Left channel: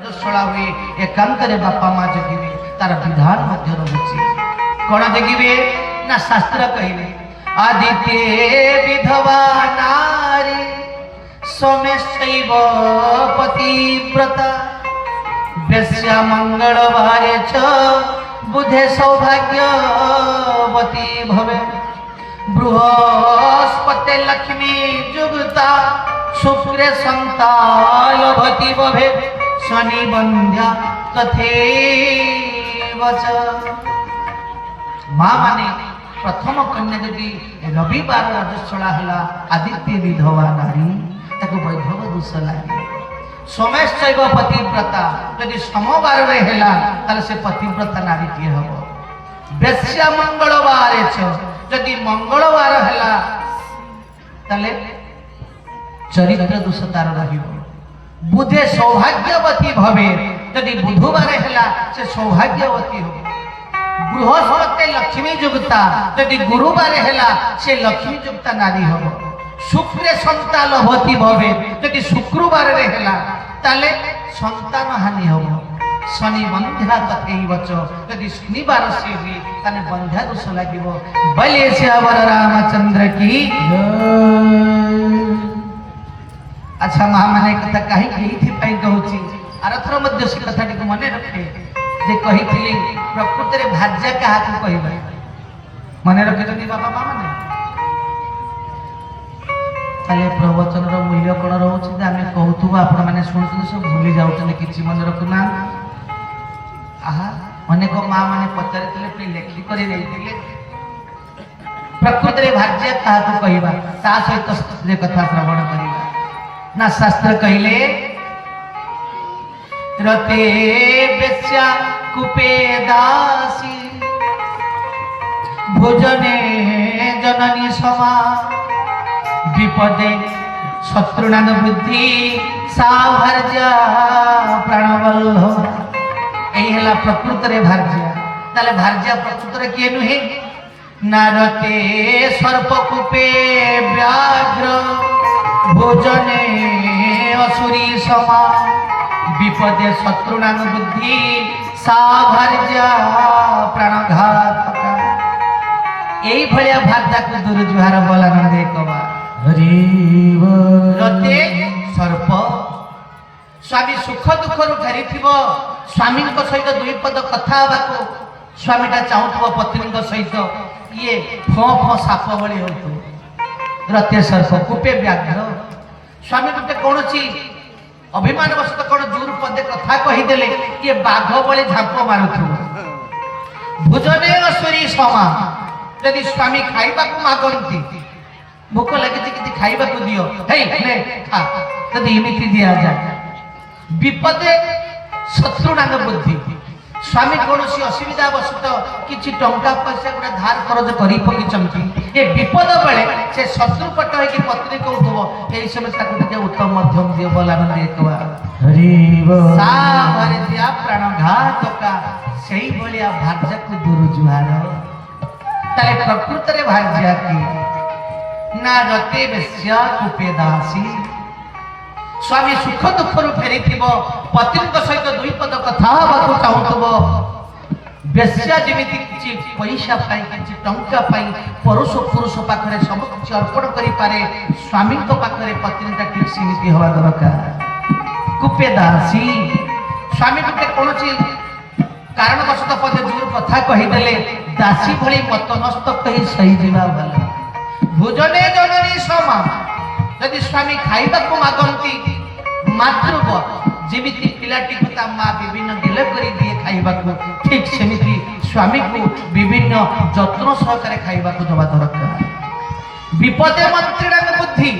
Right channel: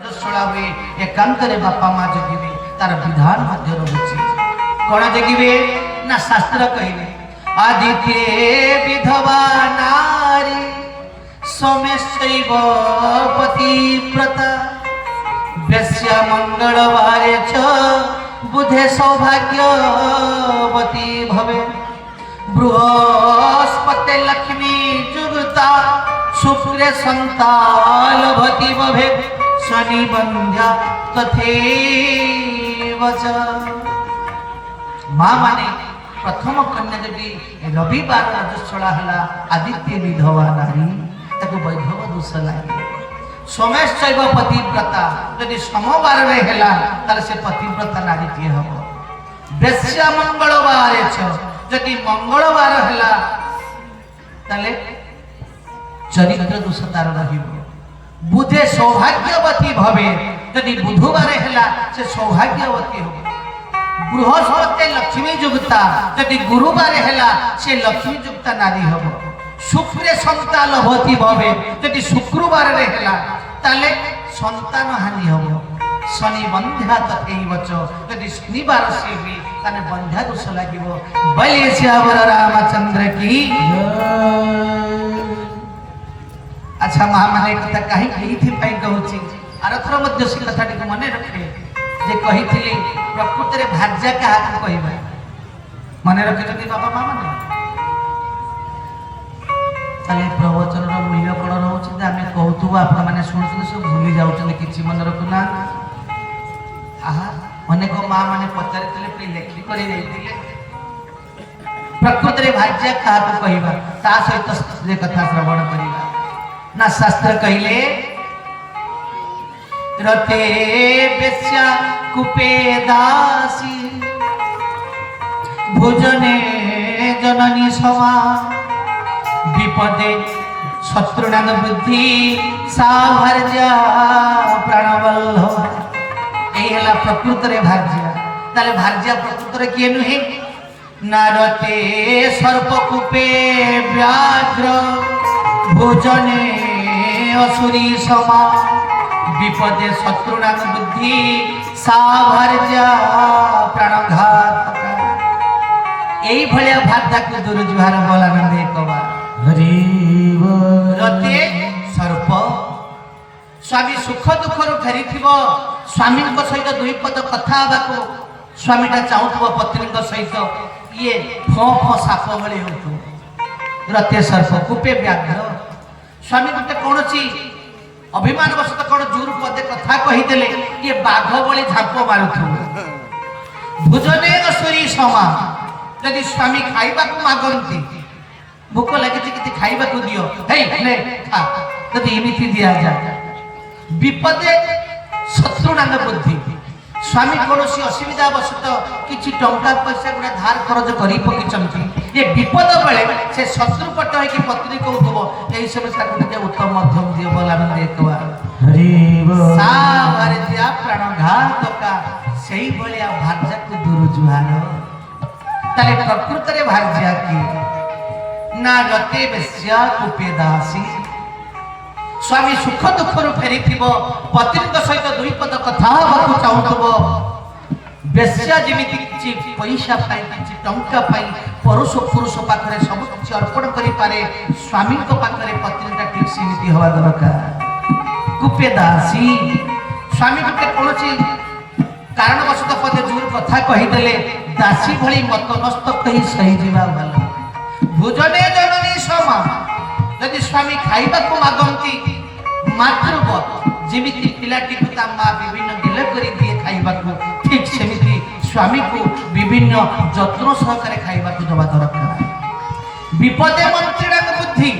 रजस्वला हुए एकांतरे बापा माँ जगिबे तार विधान मध्य रहुछि कोन जगिबे ना शास्त्र कहिबे आदित्य विधवा नारी सोमेशैव पतिव्रता वेश्या मंगलवारे च बुधे सौभाग्यवती भवे बृहस्पति लक्ष्मी जुगता शुक्रे संतालवती भवे शनि बंध्या तथैव च माँ माने प्रथम कन्या यदि रविवार रजस्वला हला आदित्य विधवा नारी ताको वैधव दोष लागे सोमेशैव पतिव्रता यदि सोमवार रे हला ताले से पतिव्रता नारी ती हबो वेश्या मंगलवार छ यदि मंगलवार हला ताले चरित्र दोष तार रहिबो बुधे सौभाग्यवती भवे यदि बुधवार हला से सौभाग्यवती हो बृहस्पति लक्ष्मी युक्ता यदि गुरुवार हला से लक्ष्मी युक्ता नारी हो शुक्रे संतालवती भवे यदि शुक्रवार रे हला ताले संतान हानि हो शनि बंध्या तथैव च यदि शनिवार से हुई ताने बंध्या दोष लागिबो बले श्यावर रामचंद्र की अच्छा महामाने कथा कहीं कही थी पाई कहूची आरथर मध्य से कथाटी को मने रखे जे कही थिली प्रकृति रे भाज्या का हाथ कहबा मने रखे जति बाबा माने ताले प्रवचन रो मूल्य कोन रहउची जे हमें कहउथु आपण माने सुनथु सब भूली जाउछन किछि मन रखुना आहा मने को मां माने पचारितले पे लेखि करी देइतिले प्रकृति रे भाज्या का हाथ कहबा ता सहित जे कथा श्रवण करिबा ना शास्त्र कहले रते बेश्या कुपे दासी भोजने जननी समा विपदे शत्रुनाम बुद्धि साभर्जा प्राणवल्लभ एला प्रकृति रे भार्या ताले भार्या प्रकृति रे किए नुहे नारते सर्प कुपे व्याघ्र भोजने असुरी समा विपदे शत्रुनाम बुद्धि साभर्जा प्राणघात एई भलिया भाद्या को दुर्जुहार बोलानंद एकवा हरि रते सर्प स्वामी सुख दुख रु फेरी थिबो स्वामी को सहित दुई पद कथा बाको स्वामीटा चाहुथबो पत्नी को सहित ये फो फो साप भली होतु रते सर्प कुपे व्याघ्र स्वामी तते कोनची अभिमान वशत कोन जुर पदे कथा कहि देले ये बाघ भली झाप मारुथु भोजने असुरी समा यदि स्वामी खाइबा को मागंती भूख लगे कि खाइबा को दियो हे ले खा यदि इमिति दिया जा विपदे शत्रुनाम बुद्धि स्वामी कोनोसी असुविधा वशत किछि टंका पैसा गुडा धार खर्च करि पकी चमकी ये विपद बेले से शत्रु पट है कि पत्नी कहउथबो एई समय ताकु के उत्तम मध्यम दियो बोलानंद एकवा हरि बोल सा भारतिया प्राणघातका सेई भलिया भार्या को दुरुजुहार ताले प्रकृति रे भार्या की ना रते बेश्या कुपे दासी स्वामी सुख दुख रु फेरी थिबो पत्नी को सहित दुई पद कथा बाकु चाहुथबो बेश्या जेमिति किछि पैसा पाई किछि टंका पाई पुरुष पुरुष पाखरे सब किछि अर्पण करि पारे स्वामी को पाखरे पत्नीटा ठीक सीमित होवा दरकार कुपे दासी स्वामी को कोनछि कारण वशत पदे दूर कथा कहि देले दासी भली मतनस्त कहि सही जीवा वाला भोजने जननी समा यदि स्वामी खाइबा को मागंती मातृव जेमिति पिलाटी को ता मां विभिन्न गिले करी दिए खाइबा को ठीक सेमिति स्वामी को विभिन्न जत्न सहकारे खाइबा को दबा दरकार विपदे मंत्रीना बुद्धि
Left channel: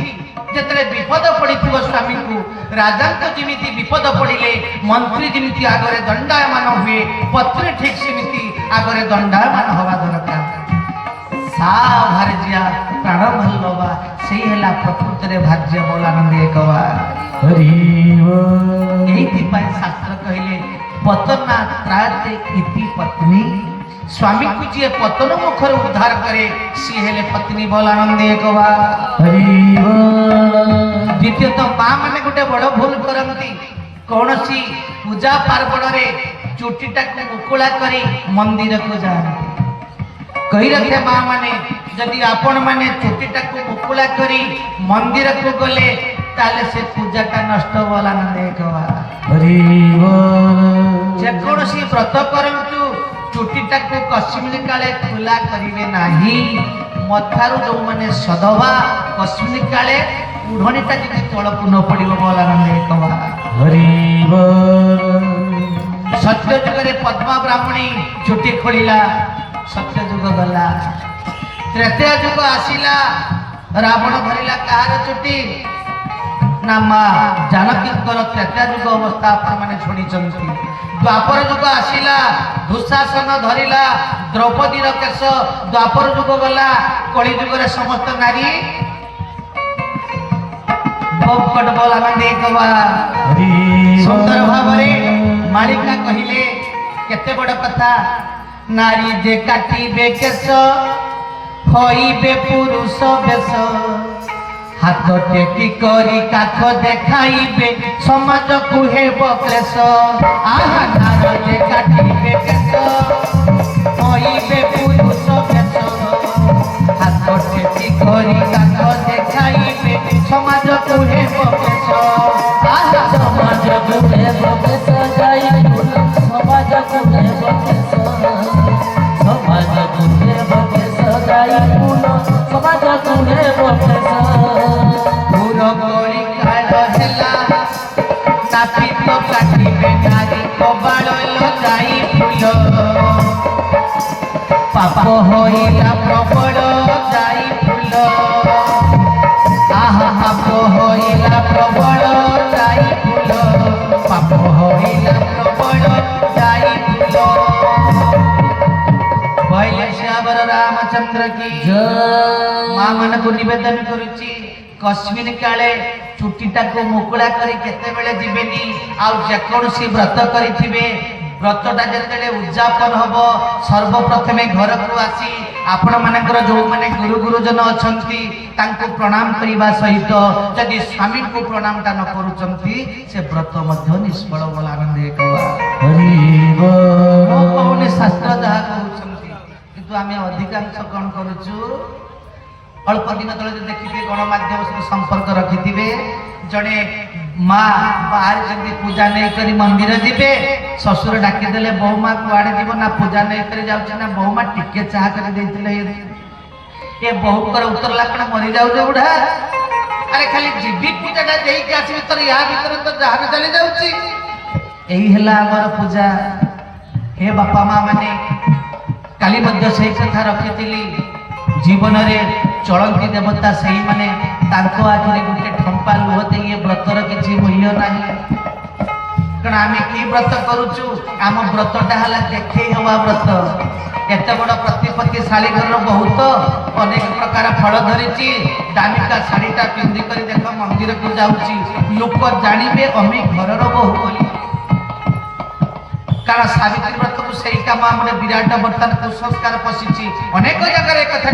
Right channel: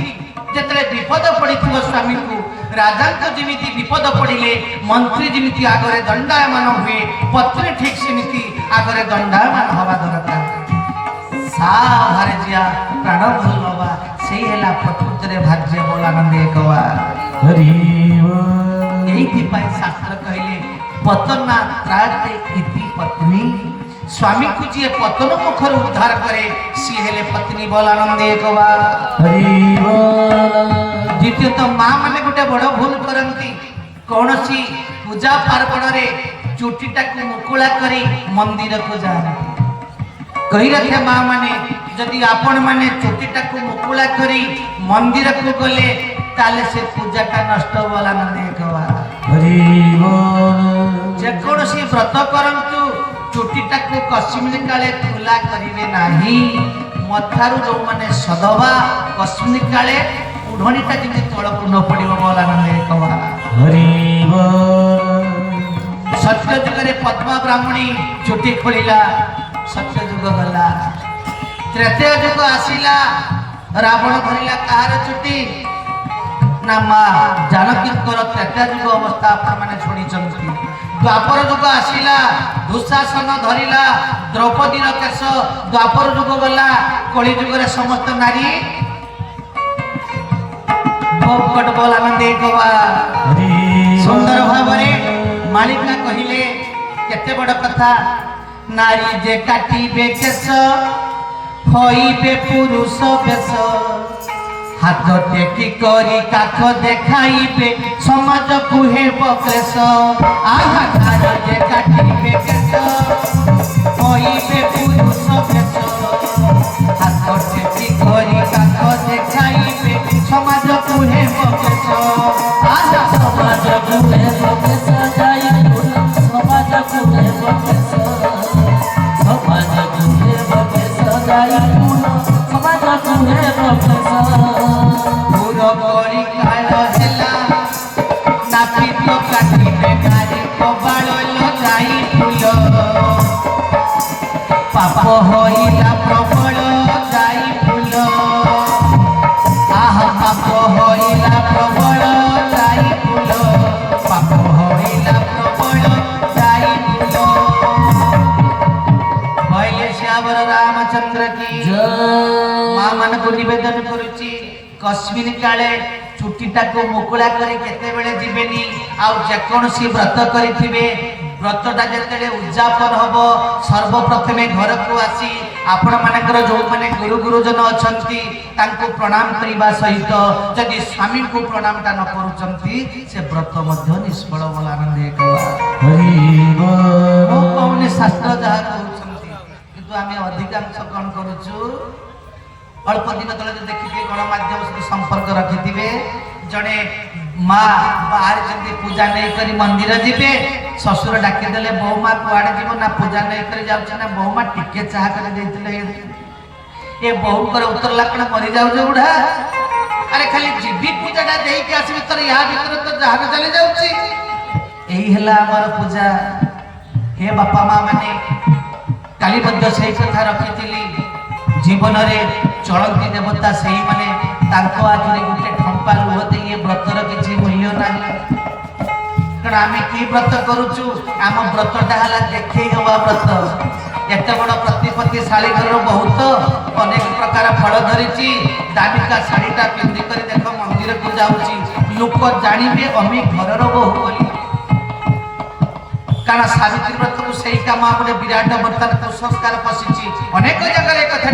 जेतरे विपद पड़िथिबो स्वामी को राजा को जेमिति विपद पड़िले मंत्री जेमिति आगरे दंडायमान हुए पत्नी ठीक सेमिति आगरे दंडायमान होबा दरकार सा भारजिया प्राणवल्लभा सेई हला प्रकृति रे भार्या बोलानंद एकवा हरि बोल एई पाई शास्त्र कहले पतना त्राते इति पत्नी स्वामी को जे पतन मुखर उद्धार करे सी हेले पत्नी बोलानंद एकवा हरि बोल द्वितीय तो मां माने गोटे बड़ भूल करंती कौन सी ପୂଜା ପାର୍ବଣରେ ଚୁଟିଟାକୁ ମୁକୁଳା କରି ମନ୍ଦିରକୁ ଯାଆନ୍ତି। କହି ରଖେ ମା ମାନେ ଯଦି ଆପଣ ମାନେ ଚୁଟିଟାକୁ ମୁକୁଳା କରି ମନ୍ଦିରକୁ ଗଲେ ତାହେଲେ ସେ ପୂଜାଟା ନଷ୍ଟ ହେଲା ନା ଦେଖବା। ଯେକୌଣସି ବ୍ରତ କରନ୍ତୁ ଚୁଟିଟାକୁ କଶ୍ମୀର କାଳେ ଖୋଲା କରିବେ ନାହିଁ। ମଥାରୁ ଯୋଉମାନେ ସଦବା କଶ୍ମୀର କାଳେ ଉଢ଼ଣିଟା ଯେମିତି ତଳକୁ ନ ପଡ଼ିବ ବୋଲା ନା ଦେଖବା। ସତ୍ୟ ଯୁଗରେ ପଦ୍ମା ବ୍ରାହ୍ମଣୀ ଚୁଟି ଖୋଳିଲା, ସତ୍ୟ ଯୁଗ ଗଲା। ତ୍ରେତୟା ଯୁଗ ଆସିଲା, ରାବଣ ଧରିଲା କାହାର ଚୁଟି ନା ମା ଜାନକୀଙ୍କର ତ୍ରେତୟା ଯୁଗ ଅବସ୍ଥା ଆପଣମାନେ ଶୁଣିଛନ୍ତି। ଦ୍ୱାପର ଯୁଗ ଆସିଲା, ଦୁଃଶାସନ ଧରିଲା ଦ୍ରୌପଦୀର କେଶ। ଦ୍ୱାପର ଯୁଗ ଗଲା, କଳି ଯୁଗରେ ସମସ୍ତ ନାରୀ ସୁନ୍ଦର ଭାବରେ ମାଳିକା କହିଲେ କେତେ ବଡ଼ କଥା। ନାରୀ ଯେ କାଟିବେ କେଶ ହଇବେ ପୁରୁଷ ବେଶ, ହାତ ଟେକି କରି କାଠ ଦେଖାଇବେ ସମାଜକୁ ହେବ କ୍ଲେଶ। ଆହା ନାରୀ ଯେ କାଟିବେ କେଶ ହଇବେ ପୁରୁଷ ବେଶ, ହାତ ଟେକି କରି କାଠ ଦେଖାଇବେ ସମାଜକୁ ହେବ କ୍ଲେଶ। ଆହା ସମାଜକୁ ହେବ କ୍ଲେଶ ଯାଇ ସମାଜକୁ ହେବ କ୍ଲେଶ, ସମାଜକୁ ହେବ କ୍ଲେଶ ଯାଇ ସମାଜକୁ ହେବ କ୍ଲେଶ। कश्मीर काले चुटीटाको मुकुला करी केतेबेले जिबेनी आउ जेकोसी व्रत करिथिबे व्रतटा जेतेले उद्यापन हबो सर्वप्रथमे घर को आसी आपण मानकर जो माने गुरु गुरुजन अछंती तांको प्रणाम करिबा सहित जदि स्वामी को प्रणामटा न करूचंती से व्रत मध्य निष्फल बोला आनंद एकवा। हरि बोल कोने शास्त्र जहा कहउचंती किंतु आमे अधिकांश कोन करूचु अल्प दिन तले देखिए गणमाध्यम सहित संपर्क रखिथिबे जड़े माँ बाहर जब पूजा नहीं करी मंदिर जीवे ससुर डाकी देले बहुमा कुआड़े जीव ना पूजा नहीं करी जाउछ ना बहुमा टिके चाह कर देथिले ए बहु कर उत्तर लाकड़ा मरी जाउ जे बुढ़ा अरे खाली जीवी पूजाटा देई के आसी भीतर या भीतर तो जहान चली जाउची एही हला हमर पूजा। हे बापा माँ माने काली बद्ध सही कथा रखिथिली जीवन रे चलती देवता से ही माने तांको आखिरी गुटे ठंपा लुहते ये व्रतर किछि मूल्य नाही। कारण आमे की व्रत करूछु आम व्रतटा हला देखै हवा व्रत। एते बड़ प्रतिपत्तिशाली घर बहुत अनेक प्रकार फल धरिछि दामिका साड़ीटा पिंधि करी देख मंदिर को जाउछि लोक जानिबे अमी घरर बहु बोली। कारण सावित्री व्रत को सही काम हमरे विराट वर्तन संस्कार पसिछि अनेक जगह एक कथा